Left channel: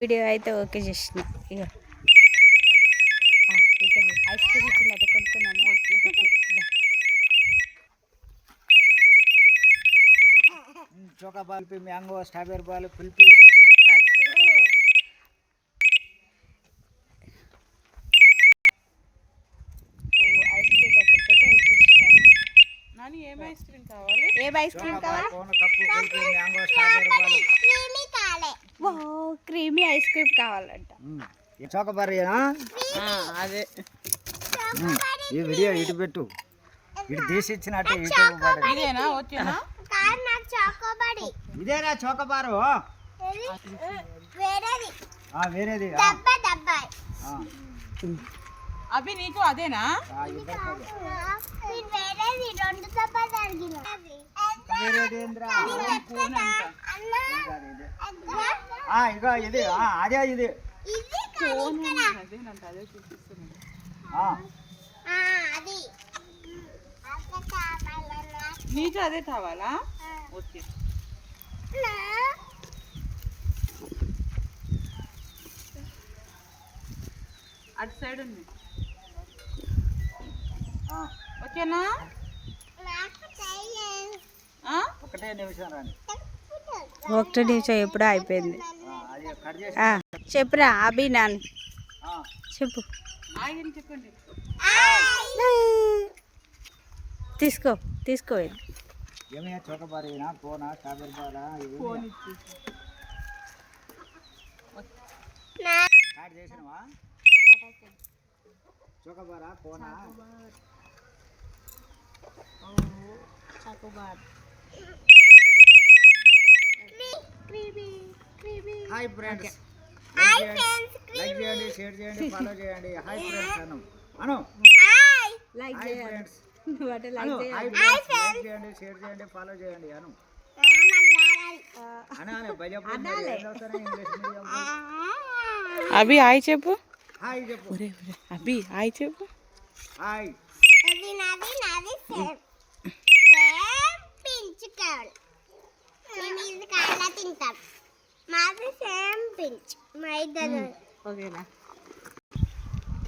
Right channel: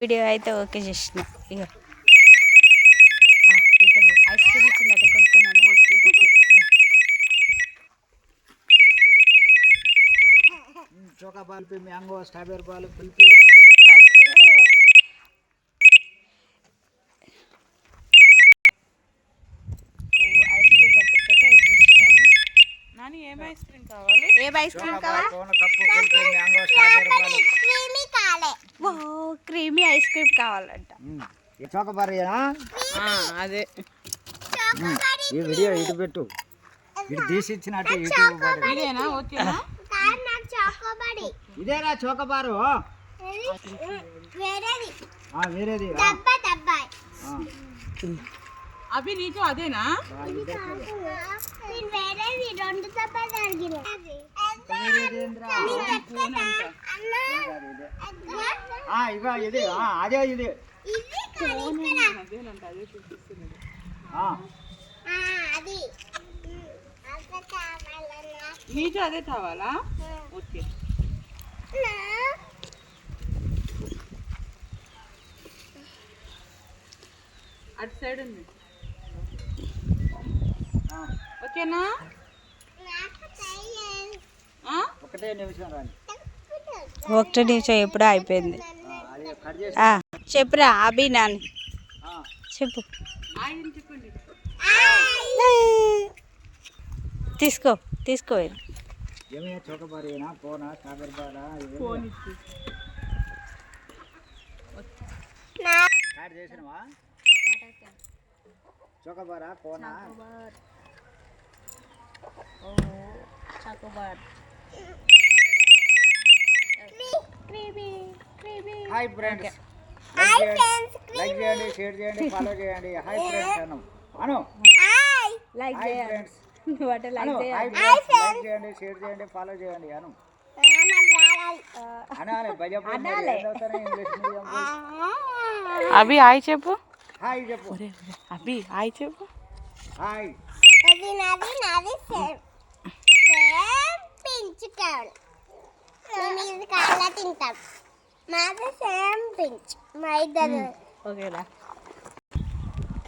Video అయితే okay చేసిన. ఇక ఇక్కడ ఐస్ క్రీమ్ వచ్చిందట, కొనుక్కున్నాము. చోకా బాల్ పే mango strawberry ball kulfi ice cream దగ్గరికి అయితే వచ్చేస్తాము. నాని ఏం ఐస్ క్రీమ్ కావాలి? ఏం ఐస్ క్రీమ్ కావాలి? Cup kulfi mango strawberry ball creamy ice cream కావాలంట. చోకబారేనా? అదే ఈ వీడియో ఇటు పెట్టు, ఇటు తీసి ఇచ్చినట్టు యూట్యూబ్ పాడు. ఇదేనా వచ్చినా? ఇదేనా చోకబారు? వేరేది అవి నీకు అదేనా? ఇగో ఇది అదే ఇది నీకు అదే కావాలా? ఓకే. అటు సైడ్ ఉంది. ఓకేనా? ఒకటే నిమిషం రాని. ఒకటి నిమిషం ఎప్పుడో అయిపోయింది. చెప్పురా అభి నాని, చెప్పు. చెప్పండి. తీసుకో తీసుకో. ఏమయ్యా చోకబారేనా? ఫోనా స్ట్రాబెరీ బాలా? స్టార్ట్ చేసినవా? చోకబారా ఫోనా? హాయ్ ఫ్రెండ్స్, లైక్ చేయండి, షేర్ చేయండి, ఫాలో చేయండి. హాయ్ ఫ్రెండ్స్ అను అను. Like hi friends like hi friends, like చేయండి, షేర్ చేయండి, ఫాలో చేయండి అను. అనాలి ఇంగ్లీష్ మీడియం. అభి హాయ్ చెప్పు. హాయ్ చెప్పు. అభి హాయ్ చెప్పు. హాయ్. తింటాం మాది సేమ్ పించ్ మా ఇద్దరు ఓకేనా?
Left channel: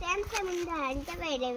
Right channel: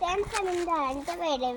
సేమ్ సేమ్ ఉందా అంటే వేరే